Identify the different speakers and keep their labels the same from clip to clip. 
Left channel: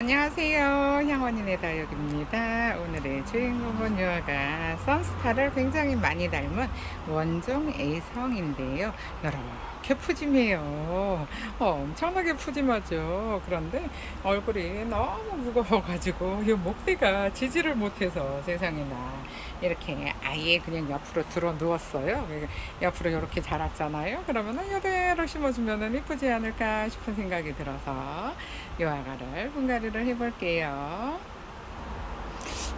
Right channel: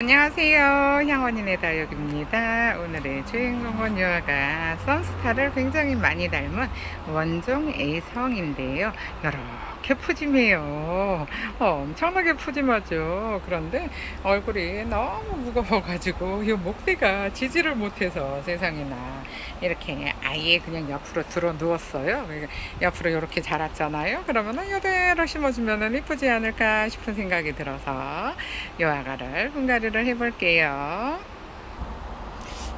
Speaker 1: 안녕하세요. 향원이네 다육입니다. 오늘의 주인공은 유아가 선스타를 굉장히 많이 닮은 원종 A성인데요. 이렇게 푸짐해요. 어, 엄청나게 푸짐하죠. 그런데 얼굴이 너무 무거워 가지고 이 목대가 지지를 못해서 세상에나 이렇게 아예 그냥 옆으로 들어 누웠어요. 옆으로 이렇게 자랐잖아요. 그러면은 이대로 심어주면은 이쁘지 않을까 싶은 생각이 들어서 요아가를 분갈이 를 해볼게요.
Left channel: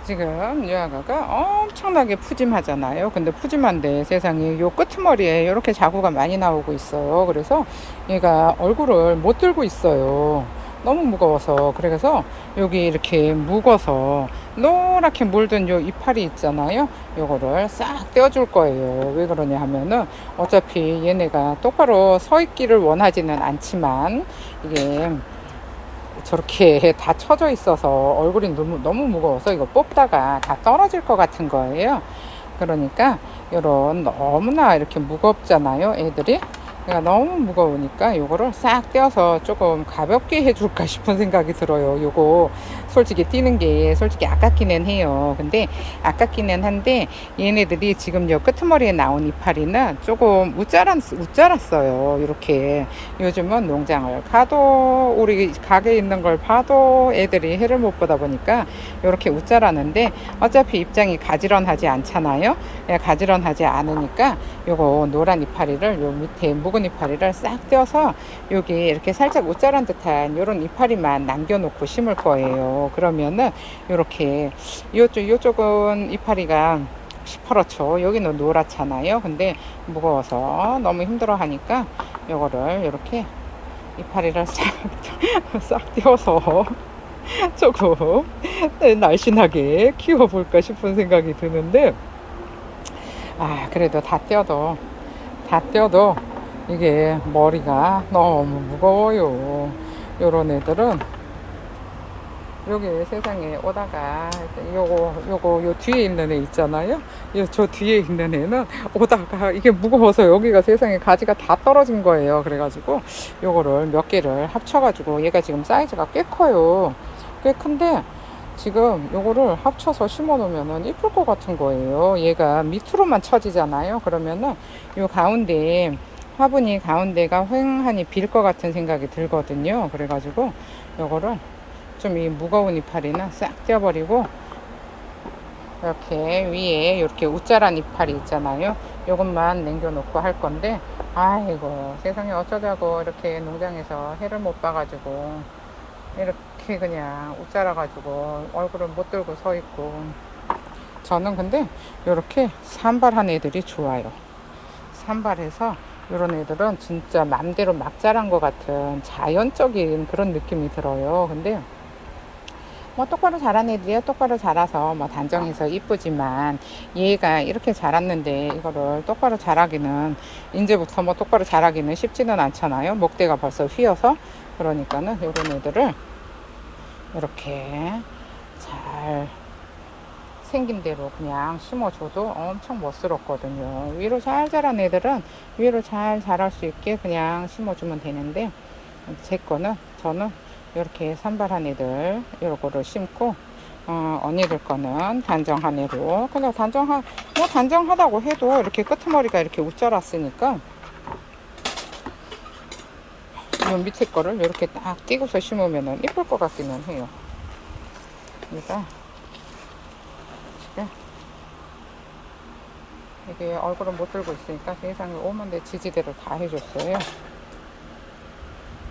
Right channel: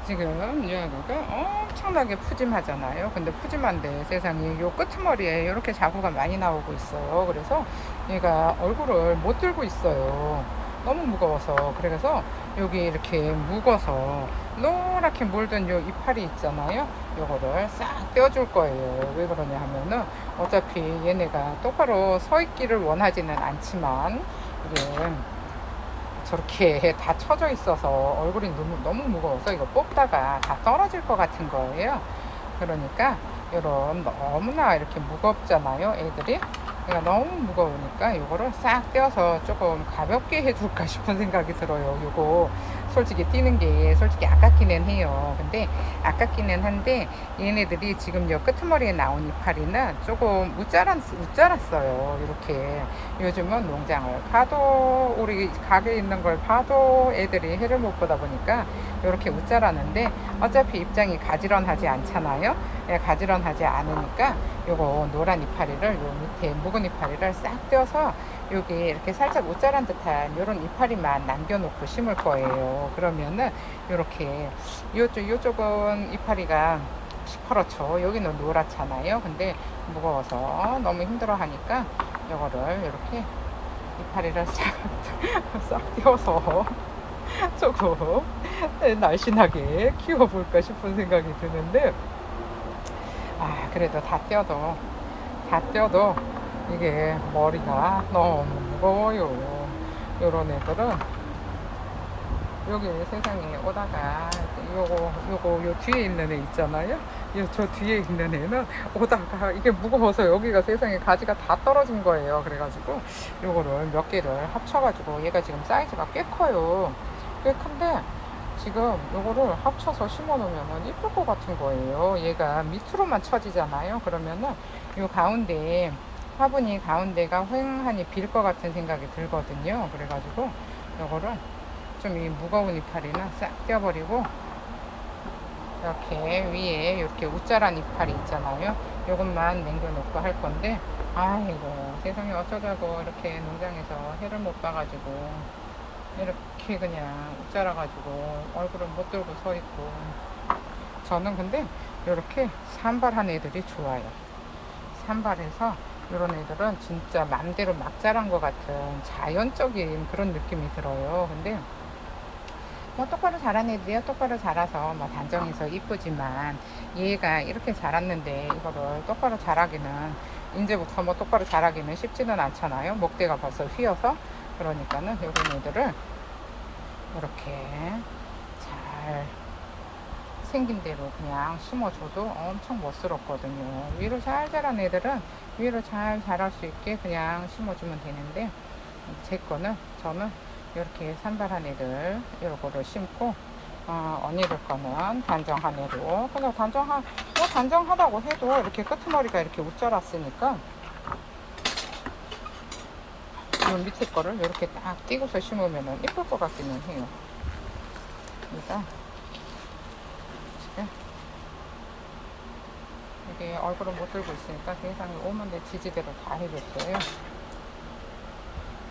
Speaker 1: 지금 유아가가 엄청나게 푸짐하잖아요. 근데 푸짐한데 세상에 요 끄트머리에 이렇게 자구가 많이 나오고 있어요. 그래서 얘가 얼굴을 못 들고 있어요. 너무 무거워서 그래서 여기 이렇게 묵어서 노랗게 물든 요 이파리 있잖아요. 요거를 싹 떼어줄 거예요. 왜 그러냐 하면은 어차피 얘네가 똑바로 서 있기를 원하지는 않지만 이게 저렇게 다 쳐져 있어서 얼굴이 너무, 너무 무거워서 이거 뽑다가 다 떨어질 것 같은 거예요. 그러니까 이런 너무나 이렇게 무겁잖아요, 애들이. 그러니까 너무 무거우니까 요거를 싹 떼어서 조금 가볍게 해줄까 싶은 생각이 들어요. 요거 솔직히 뛰는 게 솔직히 아깝기는 해요. 근데 아깝기는 한데 얘네들이 지금 요 끄트머리에 나온 이파리는 조금 웃자랐, 웃자랐어요. 이렇게 요즘은 농장을 가도 우리 가게에 있는 걸 봐도 애들이 해를 못 보다 보니까 이렇게 웃자라는데 어차피 입장이 가지런하지 않잖아요. 예, 가지런하지 않으니까 요거 노란 이파리를 요 밑에 묵은 이파리를 싹 떼어서 여기 이렇게 살짝 옷 자란 듯한 요런 이파리만 남겨놓고 심을 거예요. 그러면은 요렇게 요쪽 요쪽은 이파리가 시퍼렇죠. 여기는 노랗잖아요. 근데 무거워서 너무 힘들어 하니까 요거를 이렇게 이파리를 싹, 싹 떼어서 조금 날씬하게 키워볼까 싶은 생각이 드는데 아 그래도 다 떼어도 다 떼어도 이게 머리가 너무 무거워요 요런 애들은 여기 세상에 오다가 요거 요거 요 뒤에 있는 애 있잖아요 요저 뒤에 있는 애는 오다가 이게 무거워서 여기가 세상에 가지가 다 떨어진 거예요 그래가지고 요거를 몇 개를 합쳐가지고 얘가 지금 사이즈가 꽤 커요 꽤 큰데 지금 요거를 합쳐서 심어 놓으면은 이쁠 것 같은 거예요. 얘가 밑으로만 처지잖아요. 그러면은 요 가운데 화분이 가운데가 휑하니 빌 것 같은 생각이 들거든요. 그래가지고 요거를 좀 이 무거운 이파리는 싹 떼어버리고 이렇게 위에 이렇게 웃자란 이파리 있잖아요. 요것만 남겨놓고 할 건데 아이고 세상에 어쩌자고 이렇게 농장에서 해를 못 봐가지고 이렇게 그냥 웃자라가지고 얼굴을 못 들고 서 있고 저는 근데 이렇게 산발한 애들이 좋아요 산발해서 이런 애들은 진짜 맘대로 막 자란 것 같은 자연적인 그런 느낌이 들어요. 근데 뭐 똑바로 자란 애들이요. 똑바로 자라서 뭐 단정해서 이쁘지만 얘가 이렇게 자랐는데 이거를 똑바로 자라기는 이제부터 뭐 똑바로 자라기는 쉽지는 않잖아요. 목대가 벌써 휘어서. 그러니까는 이런 애들을 이렇게 잘 생긴 대로 그냥 심어줘도 엄청 멋스럽거든요. 위로 잘 자란 애들은 위로 잘 자랄 수 있게 그냥 심어주면 되는데 제 거는 저는 이렇게 산발한 애들 이거를 심고 어, 언니들 거는 단정한 애로 그냥 단정한 뭐 단정하다고 해도 이렇게 끄트머리가 이렇게 웃자랐으니까 이 밑에 거를 이렇게 딱 띄고서 심으면 예쁠 것 같기는 해요. 그러니까 지금 이게 얼굴을 못 들고 있으니까 세상에 오만데 지지대를 다 해줬어요.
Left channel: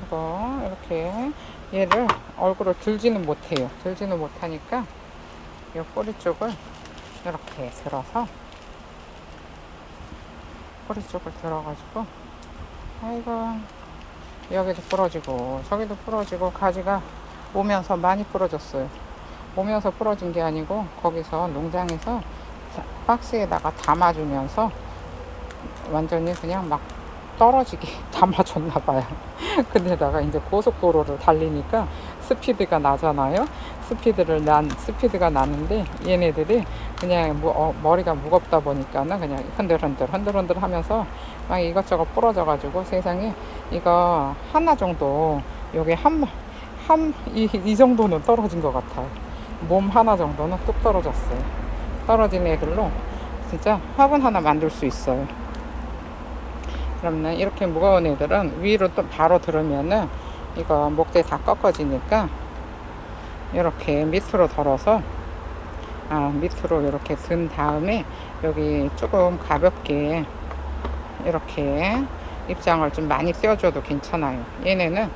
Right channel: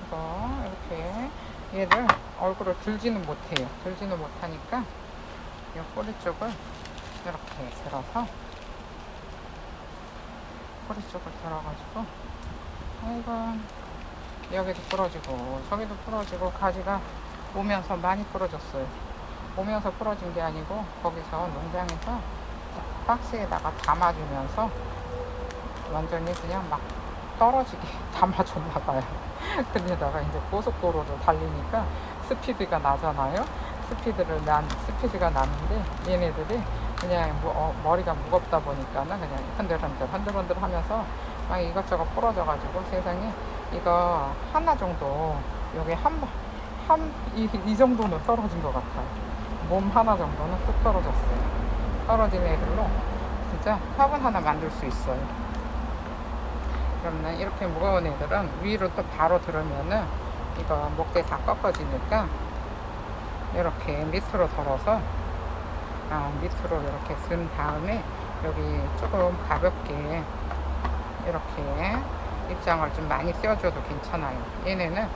Speaker 1: 이거 이렇게 얘를 얼굴을 들지는 못해요. 들지는 못하니까 이 꼬리 쪽을 이렇게 들어서 꼬리 쪽을 들어가지고 아이고 여기도 부러지고 저기도 부러지고 가지가 오면서 많이 부러졌어요. 오면서 부러진 게 아니고 거기서 농장에서 박스에다가 담아주면서 완전히 그냥 막 떨어지게 담아줬나 봐요. 근데다가 이제 고속도로를 달리니까 스피드가 나잖아요. 스피드를 난 스피드가 나는데 얘네들이 그냥 무, 어, 머리가 무겁다 보니까는 그냥 흔들흔들 흔들흔들 하면서 막 이것저것 부러져 가지고 세상에 이거 하나 정도 여기 한 한, 이, 이 정도는 떨어진 것 같아요. 몸 하나 정도는 뚝 떨어졌어요. 떨어진 애들로 진짜 화분 하나 만들 수 있어요. 그러면 이렇게 무거운 애들은 위로 또 바로 들으면은 이거 목대 다 꺾어지니까 이렇게 밑으로 덜어서 아, 밑으로 이렇게 든 다음에 여기 조금 가볍게 이렇게 입장을 좀 많이 떼어줘도 괜찮아요. 얘네는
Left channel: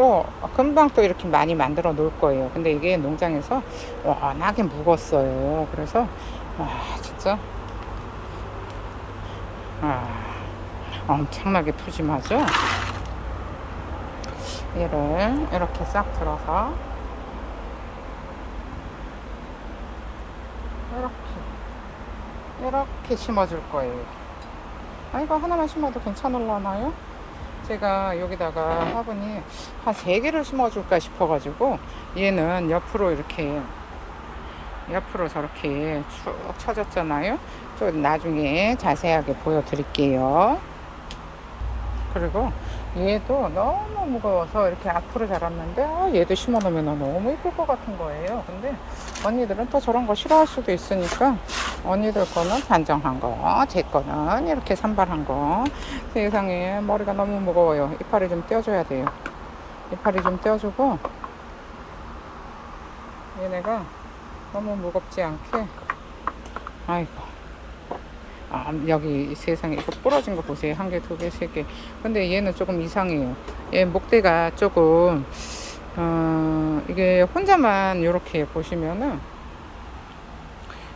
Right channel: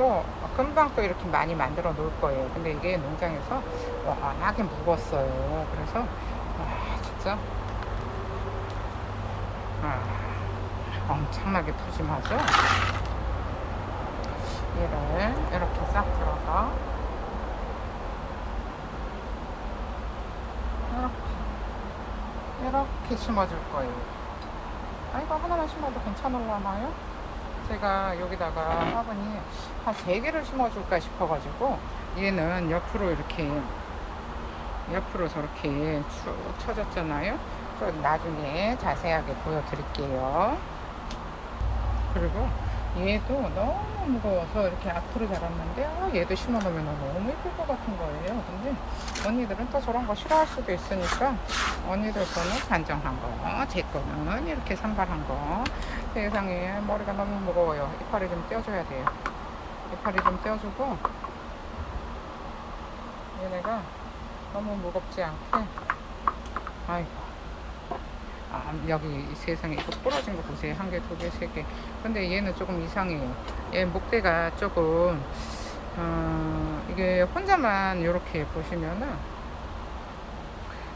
Speaker 1: 또 금방 또 이렇게 많이 만들어 놓을 거예요. 근데 이게 농장에서 워낙에 묵었어요. 그래서 와 진짜 아, 엄청나게 푸짐하죠. 얘를 이렇게 싹 들어서 이렇게 이렇게 심어줄 거예요. 아 이거 하나만 심어도 괜찮을라나요? 제가 여기다가 화분이 한 세 개를 심어줄까 싶어가지고 얘는 옆으로 이렇게 옆으로 저렇게 쭉 쳐졌잖아요. 좀 나중에 자세하게 보여드릴게요. 그리고 얘도 너무 무거워서 이렇게 앞으로 자랐는데 아, 얘도 심어놓으면 너무 예쁠 것 같은 거예요. 근데 언니들은 또 저런 거 싫어할 수도 있으니까 언니들 거는 단정한 거, 제 거는 이렇게 산발한 거. 세상에 머리가 너무 무거워요. 이파리 좀 떼어줘야 돼요. 이파리 좀 떼어주고 얘네가 너무 무겁지 않게 아이고 아, 여기 세상에 이거 부러진 거 보세요. 한 개, 두 개, 세 개. 근데 얘는 조금 이상해요. 얘 목대가 조금, 어, 이게 혼자만 이렇게 보시면은,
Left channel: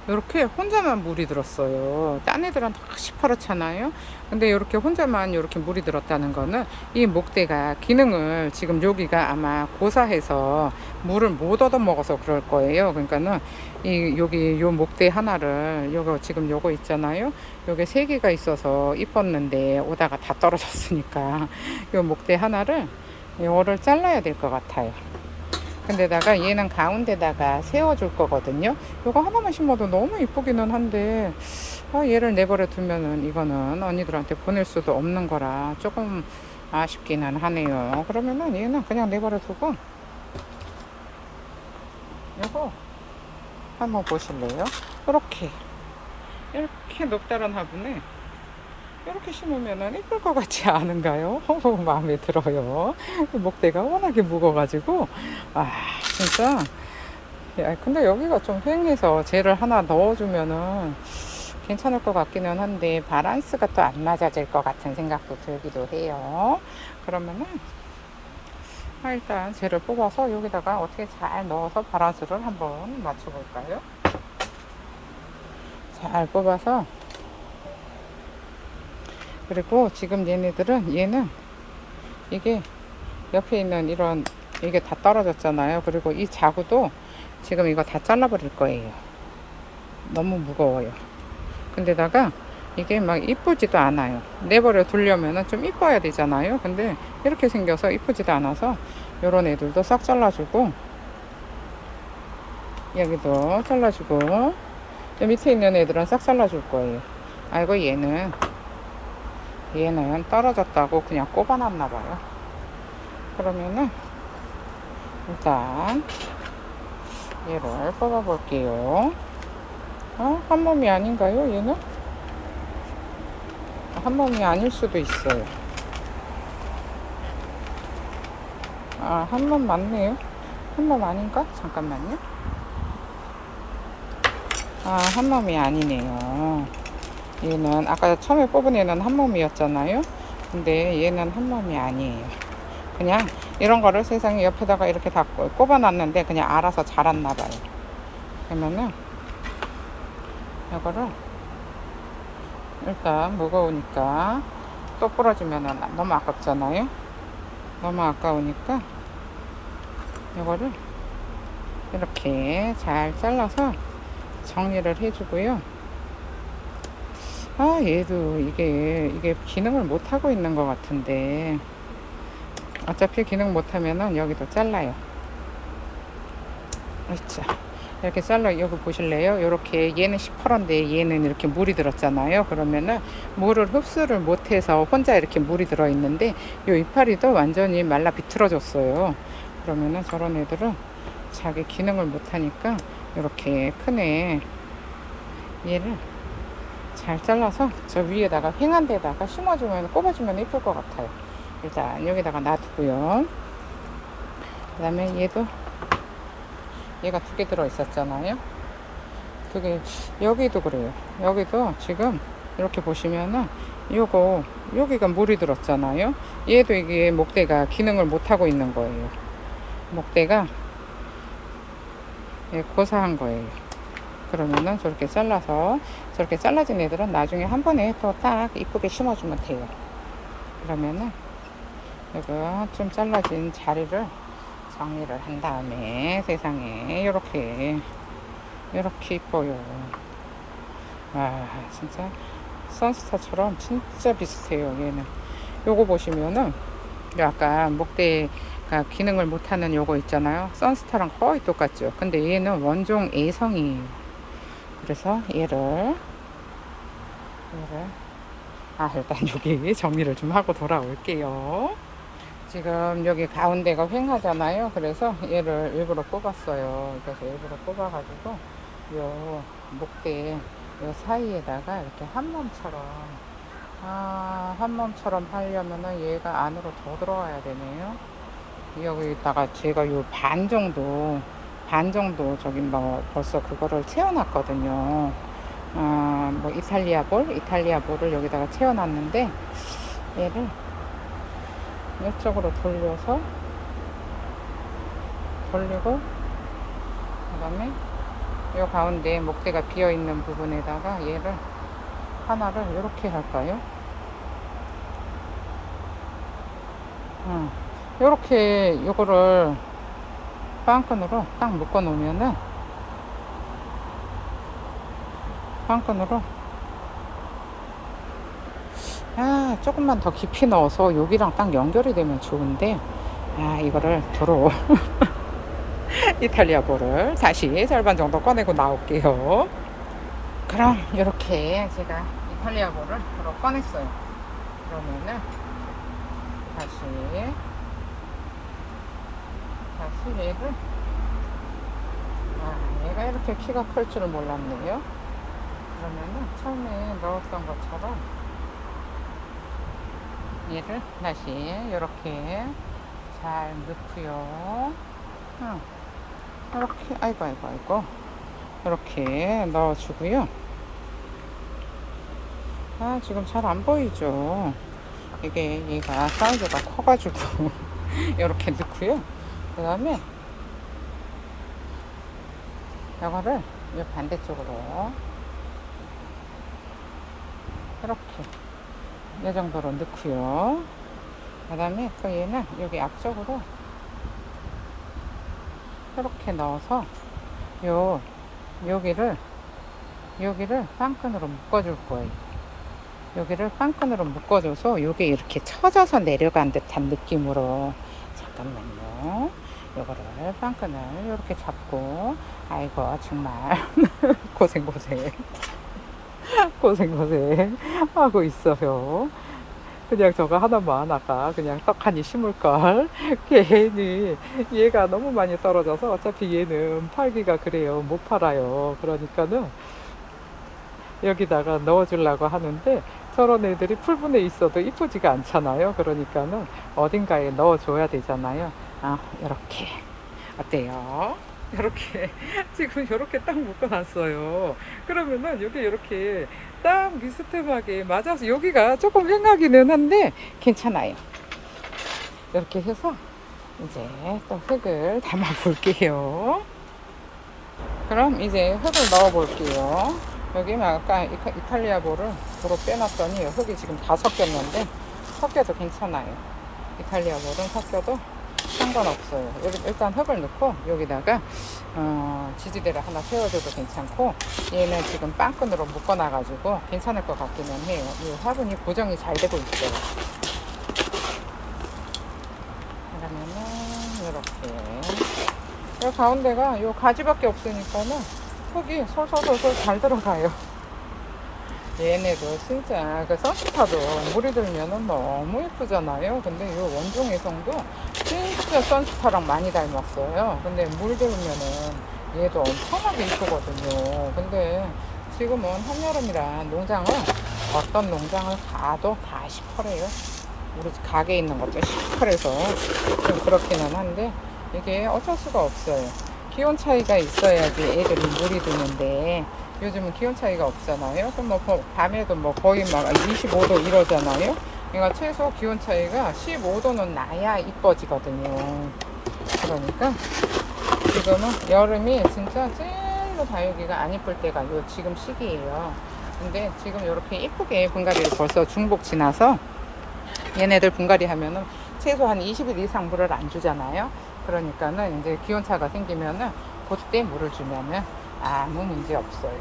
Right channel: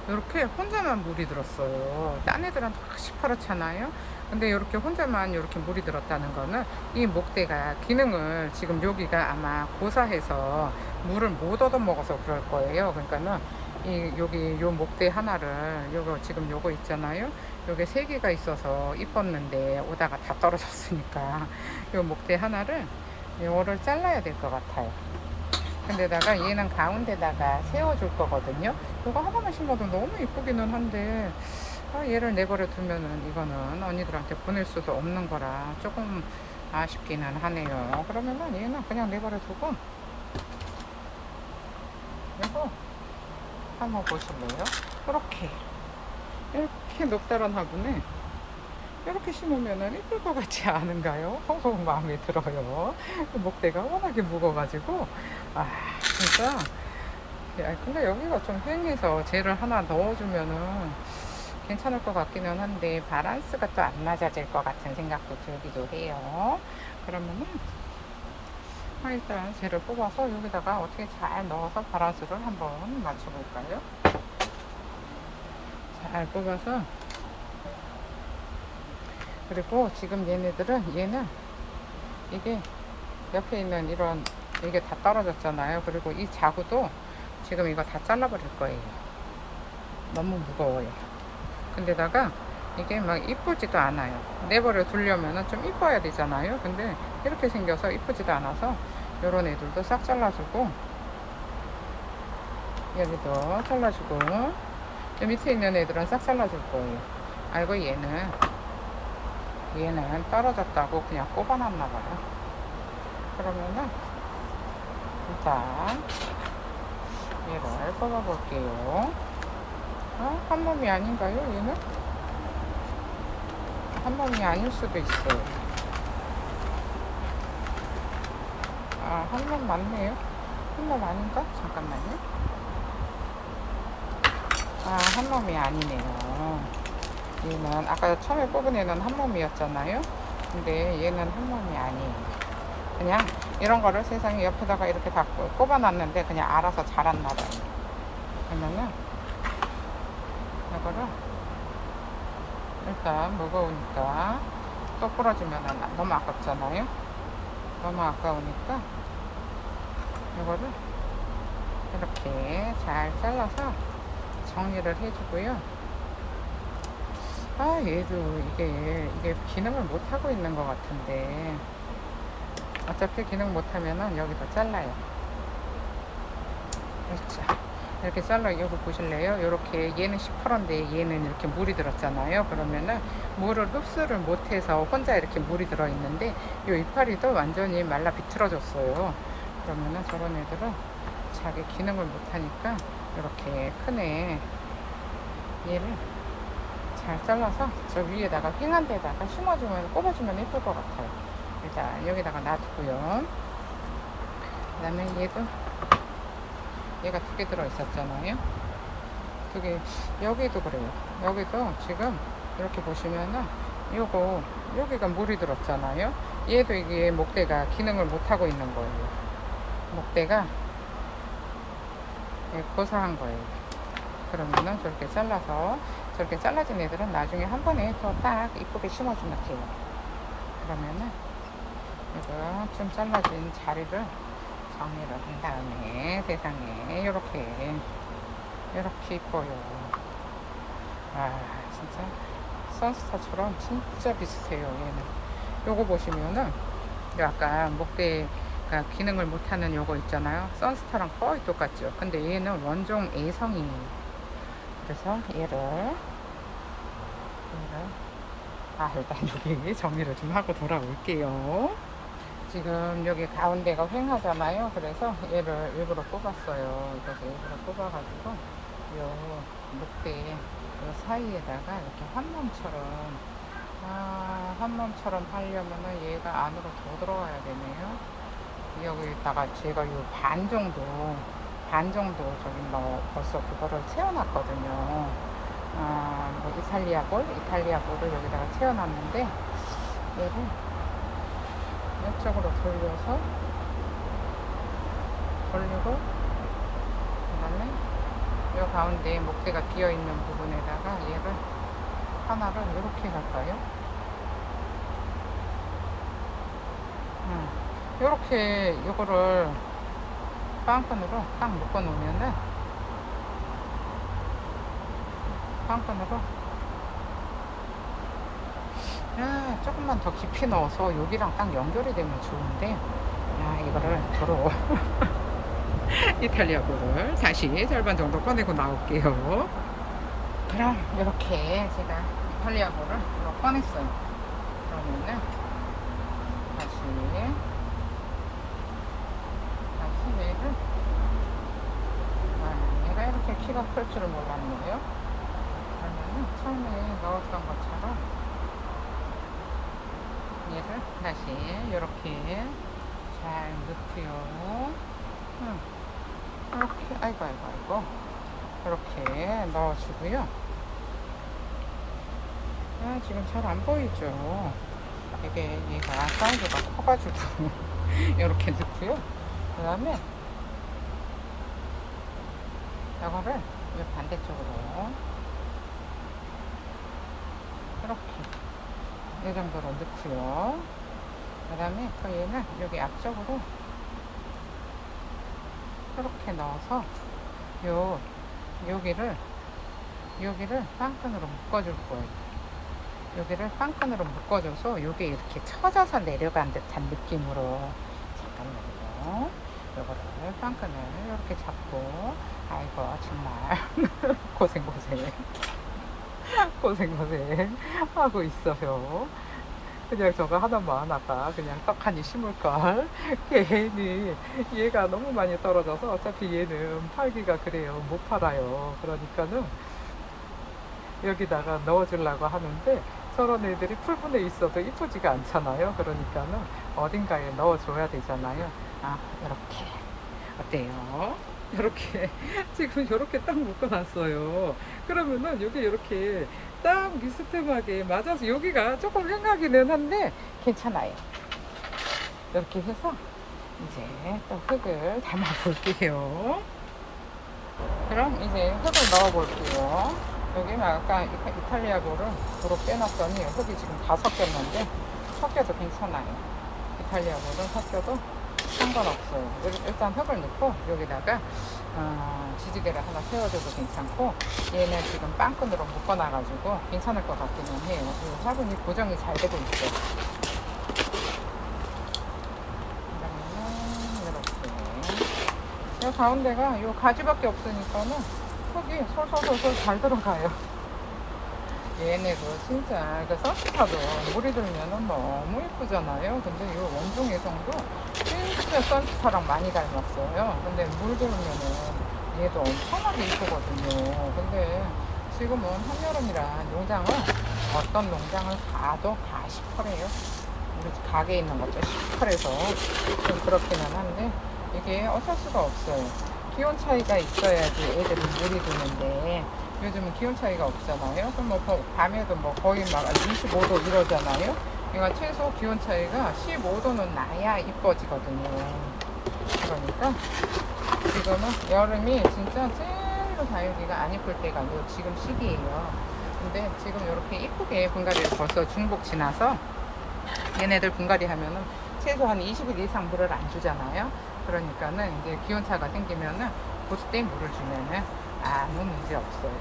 Speaker 1: 이렇게 혼자만 물이 들었어요. 딴 애들은 다 시퍼렇잖아요. 근데 이렇게 혼자만 이렇게 물이 들었다는 거는 이 목대가 기능을 지금 여기가 아마 고사해서 물을 못 얻어 먹어서 그럴 거예요. 그러니까는 이 여기 요 목대 하나를 요거 지금 요거 있잖아요. 요게 세 개가 있어서 이뻤는데 오다가 다 떨어졌으니까 요 목대 하나를 요거를 잘라야 될 것 같아요. 근데다가 얘는 가운데다가 세워줄 거거든요. 요거 하나만 심어도 너무 이쁘기는 한데 어, 얘를 내버려 두면은 이거는 언니들한테 보낼 수도 없는 거라 조금 아쉽기는 하네요. 그러면은 얘는 그냥 내버려 두고 이거 한번 보실래요? 이렇게 이렇게 높다란 화분에 이렇게 심으면은 이쁠 것 같지 않은가요? 마음에 들어요. 목대가 워낙에 무거워가지고 아 진짜 야, 근데 여기가 좀 휑해서 쟤를 하나 넣어주면은 괜찮을 것 같기는 한데 바란스가 또 안 맞아질 것 같은 생각도 들기도 해요. 그러면은 아, 일단 쟤를 뽑아서 여기다가 어떻게 잘 넣어서 바란스를 한번 맞춰볼까요? 잘 뽑아서 그리고 지금 얘네들은 얘는 이게 옆에 있는 이런 이게 다 떨어졌잖아요. 그리고 이 자구도 지금 이거 다 잘라버릴 거예요. 너무 무거워요. 근데다가 이게 막 이쁘지도 않아요. 내버려 두려면은 좀 이뻐야 되잖아요. 근데 이렇게 생겨서 이쁘지도 않아서 요런 애들도 싹 잘라주고 여기도 잘라주고 이 밑에 있는 애들은 싹 잘라줄 거예요. 아이고 얘는 얘는 떨어졌다고 그냥 꼽아놨나 봐요. 그러면은 일단 얘를 뽑아볼게요. 어? 한 몸이 아닌가요? 얘는? 한 몸이 아닐 수도 있어요. 아, 한 몸 맞네요. 한 몸 아닌가? 잠깐만요. 아, 한 몸이 아니네요. 얘는 아까 처음에 뽑은 얘는 한 몸이었잖아요. 근데 얘는 한 몸이 아니에요. 그냥 이런 거를 세상에 옆에다가 이렇게 다 꼽아놨는데 그냥 알아서 자랐나 봐요. 그러면은 이거를 일단 무거우니까 또 부러지면은 너무 아깝잖아요. 너무 아까우니까 이거를 이렇게 잘 잘라서 정리를 해주고요. 아 얘도 이게 이게 기능을 못 하고 있는 것 같은데 어차피 기능 못 하면은 여기도 잘라요. 아이차. 이렇게 잘라 이거 보실래요? 이렇게 얘는 시퍼런데 얘는 이렇게 물이 들었잖아요. 그러면은 물을 흡수를 못해서 혼자 이렇게 물이 들어 있는데 이 이파리도 완전히 말라 비틀어졌어요. 그러면은 저런 애들은 자기 기능을 못하니까 이렇게 큰 애 얘를 잘 잘라서 저 위에다가 횡한 데다가 심어주면 꼽아주면 이쁠 것 같아요. 일단 여기다가 놔두고요. 그 다음에 얘도 얘가 두 개 들어 있었잖아요. 두 개, 여기도 그래요. 여기도 지금 이렇게 보시면은 요거, 여기가 물이 들었잖아요. 얘도 이게 목대가 기능을 못하고 있는 거예요. 목대가 예, 고사한 거예요. 그러면은 저렇게 잘라서 저렇게 잘라진 애들은 나중에 한 번에 더 딱 이쁘게 심어주면 돼요. 그러면은 이거 좀 잘라진 자리를 정리를 한 다음에 세상에 이렇게 이렇게 이뻐요. 와 진짜 선스타처럼 진짜 비슷해요 얘는. 요거 보시면은 약간 목대가 기능을 못하는 요거 있잖아요. 선스타랑 거의 똑같죠. 근데 얘는 원종 A성이에요. 그래서 얘를 얘를 아 일단 여기 정리를 좀 하고 돌아올게요. 지금 여기 가운데가 횡하잖아요. 그래서 얘를 일부러 뽑았어요. 그래서 일부러 뽑아가지고 요 목대 요 사이에다가 이렇게 한 몸처럼 아, 한 몸처럼 하려면은 얘가 안으로 더 들어와야 되네요. 여기다가 제가 요 반 정도 반 정도 저기 뭐 벌써 그거를 채워놨거든요. 아, 뭐 이탈리아 볼, 이탈리아 볼을 여기다가 채워놨는데 얘를 이쪽으로 돌려서 돌리고 그다음에 요 가운데 목대가 비어 있는 부분에다가 얘를 하나를 이렇게 할까요? 음, 이렇게 요거를 빵끈으로 딱 묶어 놓으면은 빵끈으로 아 조금만 더 깊이 넣어서 여기랑 딱 연결이 되면 좋은데 아 이거를 도로 이탈리아 볼을 다시 절반 정도 꺼내고 나올게요. 그럼 이렇게 제가 이탈리아 볼을 도로 꺼냈어요. 그러면은 다시 다시 얘를 아, 얘가 이렇게 키가 클 줄은 몰랐네요 그러면 처음에 넣었던 것처럼 얘를 다시 이렇게 잘 넣고요. 어, 이렇게 아이고 아이고 아이고 이렇게 넣어주고요. 아 지금 잘 안 보이죠? 이게 얘가 사이즈가 커가지고 이렇게 넣고요. 그 다음에 이거를 이 반대쪽으로 이렇게 이 정도로 넣고요. 그 다음에 또 얘는 여기 앞쪽으로 이렇게 넣어서 요 여기를 여기를 빵끈으로 묶어줄 거예요. 여기를 빵끈으로 묶어줘서 요게 이렇게 처져서 내려간 듯한 느낌으로 잠깐만요. 요거를 빵끈을 이렇게 잡고 아이고 정말 고생 고생 고생 고생 하고 있어요. 그냥 저거 하나만 아까 그냥 떡하니 심을 걸. 괜히 얘가 너무 많이 떨어져서 어차피 얘는 팔기가 그래요. 못 팔아요. 그러니까는 여기다가 넣어주려고 하는데 저런 애들이 풀분에 있어도 이쁘지가 않잖아요. 그러니까는 어딘가에 넣어줘야 되잖아요. 아, 이렇게. 어때요? 이렇게 지금 이렇게 딱 묶어놨어요. 그러면은 여기 이렇게 딱 비스듬하게 맞아서 여기가 조금 횡하기는 한데 괜찮아요. 이렇게 해서 이제 또 흙을 담아 볼게요. 그럼 이제 흙을 넣어 볼게요. 여기는 아까 이타- 이탈리아 볼을 도로 빼놨더니 흙이 지금 다 섞였는데 섞여도 괜찮아요. 이탈리아 볼은 섞여도 상관없어요. 일- 일단 흙을 넣고 여기다가 어, 지지대를 하나 세워줘도 괜찮고 얘는 지금 빵끈으로 묶어놔가지고 괜찮을 것 같기는 해요. 이 화분이 고정이 잘 되고 있어요. 그러면은 이렇게 이 가운데가 이 가지밖에 없으니까는 흙이 솔솔솔솔 잘 들어가요. 얘네도 진짜 그 선스타도 물이 들면은 너무 예쁘잖아요. 근데 이 원종에성도 진짜 선스타랑 많이 닮았어요. 근데 물 들면은 얘도 엄청나게 이쁘거든요. 근데 지금은 한여름이라 농장을 어떤 농장을 가도 다 시퍼래요. 우리 가게에 있는 것도 시퍼래서 좀 그렇기는 한데 이게 어쩔 수가 없어요. 기온 차이가 있어야지 애들이 물이 드는데 요즘은 기온 차이가 없잖아요. 그럼 뭐 더- 밤에도 뭐 거의 막 25도 이러잖아요. 그러니까 최소 기온 차이가 15도는 나야 이뻐지거든요. 그러니까 지금은 여름이 진짜 제일로 다육이가 안 이쁠 때가 요 지금 시기예요. 근데 지금 이렇게 이쁘게 분갈이를 벌써 중복 지나서 얘네들 분갈이 하면은 최소 한 20일 이상 물을 안 주잖아요. 그러니까는 이제 기온차가 생기면은 그때 물을 주면은 아무 문제 없어요.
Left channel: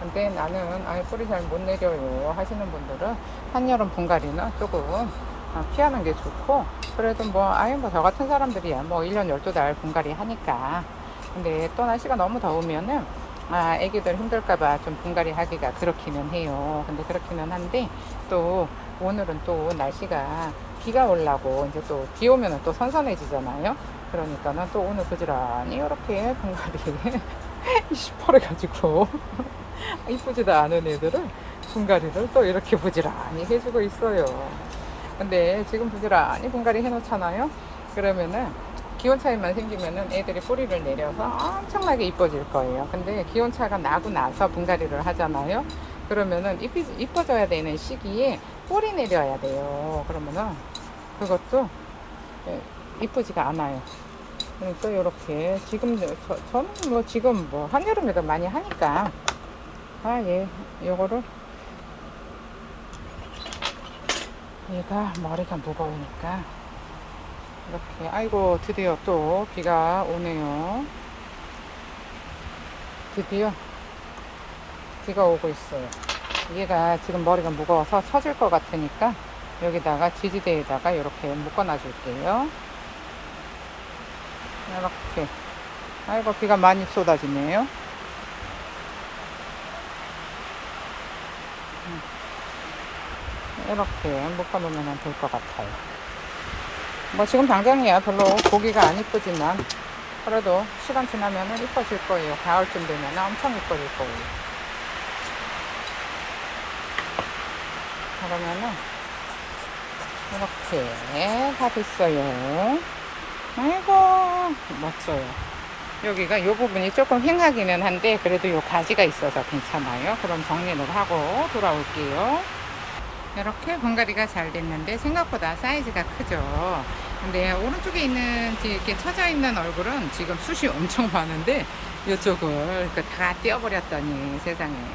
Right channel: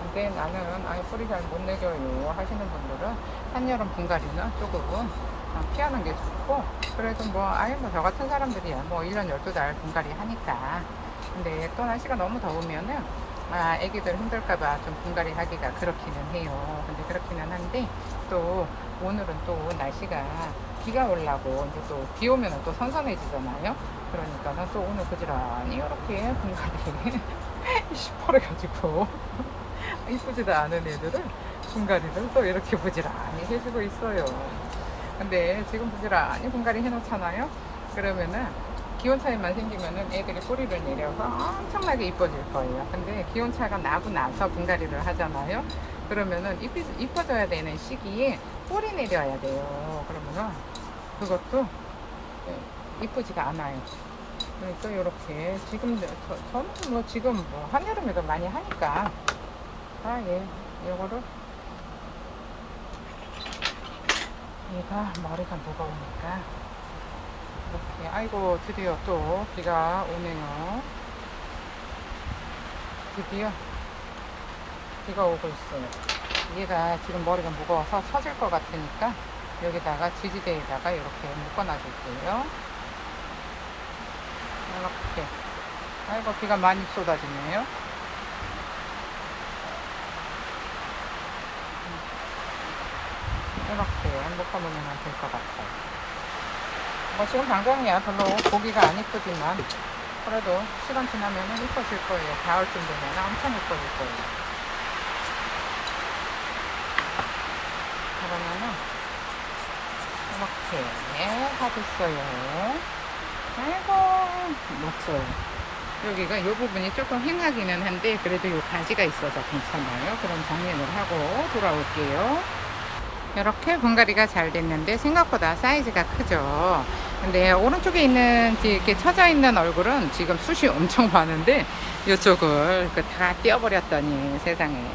Speaker 1: 근데 나는 아이 뿌리 잘 못 내려요 하시는 분들은 한여름 분갈이는 조금 어, 피하는 게 좋고 그래도 뭐 아예 뭐 저 같은 사람들이야. 뭐 1년 12달 분갈이 하니까. 근데 또 날씨가 너무 더우면은 아 애기들 힘들까봐 좀 분갈이 하기가 그렇기는 해요. 근데 그렇기는 한데 또 오늘은 또 날씨가 비가 올라고 이제 또 비 오면 또 선선해지잖아요 그러니까는 또 오늘 부지런히 이렇게 분갈이 시퍼래가지고 이쁘지도 않은 애들을 분갈이를 또 이렇게 부지런히 해주고 있어요. 근데 지금 부지런히 분갈이 해놓잖아요. 그러면은 기온 차이만 생기면은 애들이 뿌리를 내려서 엄청나게 이뻐질 거예요. 근데 기온 차가 나고 나서 분갈이를 하잖아요. 그러면은 이뻐져야 되는 시기에 뿌리 내려야 돼요. 그러면은 그것도 예, 이쁘지가 않아요. 그러니까 이렇게 지금 저, 저는 뭐 지금 뭐 한여름에도 많이 하니까 아, 예, 요거를 얘가 머리가 무거우니까 이렇게 아이고 드디어 또 비가 오네요. 드디어 비가 오고 있어요. 얘가 지금 머리가 무거워서 처질 것 같으니까 여기다가 지지대에다가 이렇게 묶어놔 줄게요. 이렇게 아이고 비가 많이 쏟아지네요. 이렇게 묶어놓으면 될 것 같아요. 뭐 지금 당장이야 별로 보기가 안 이쁘지만 그래도 시간 지나면 이뻐질 거예요. 가을쯤 되면 엄청 이뻐질 거예요. 그러면은 이렇게 하겠어요. 아이고 맞어요. 여기가 이 부분이 조금 휑하기는 한데 그래도 이 가지가 있어서 괜찮아요. 그럼 정리를 하고 돌아올게요. 이렇게 분갈이가 잘 됐는데 생각보다 사이즈가 크죠. 근데 오른쪽에 있는 지- 이렇게 쳐져 있는 얼굴은 지금 숱이 엄청 많은데 이쪽을 그다 떼어버렸더니 세상에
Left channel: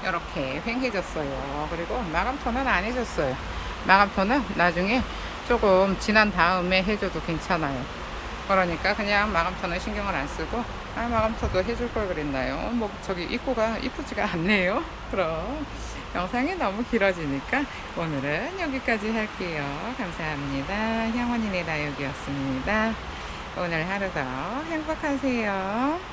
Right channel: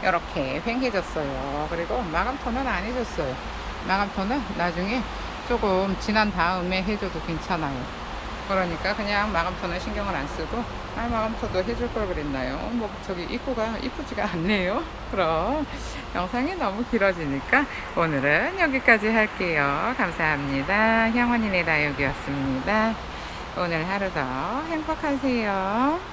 Speaker 1: 이렇게 휑해졌어요. 그리고 마감토는 안 해줬어요. 마감토는 나중에 조금 지난 다음에 해줘도 괜찮아요. 그러니까 그냥 마감토는 신경을 안 쓰고 아 마감토도 해줄 걸 그랬나요? 뭐 저기 입구가 이쁘지가 않네요. 그럼 영상이 너무 길어지니까 오늘은 여기까지 할게요. 감사합니다. 향원이네 다육이었습니다. 오늘 하루도 행복하세요.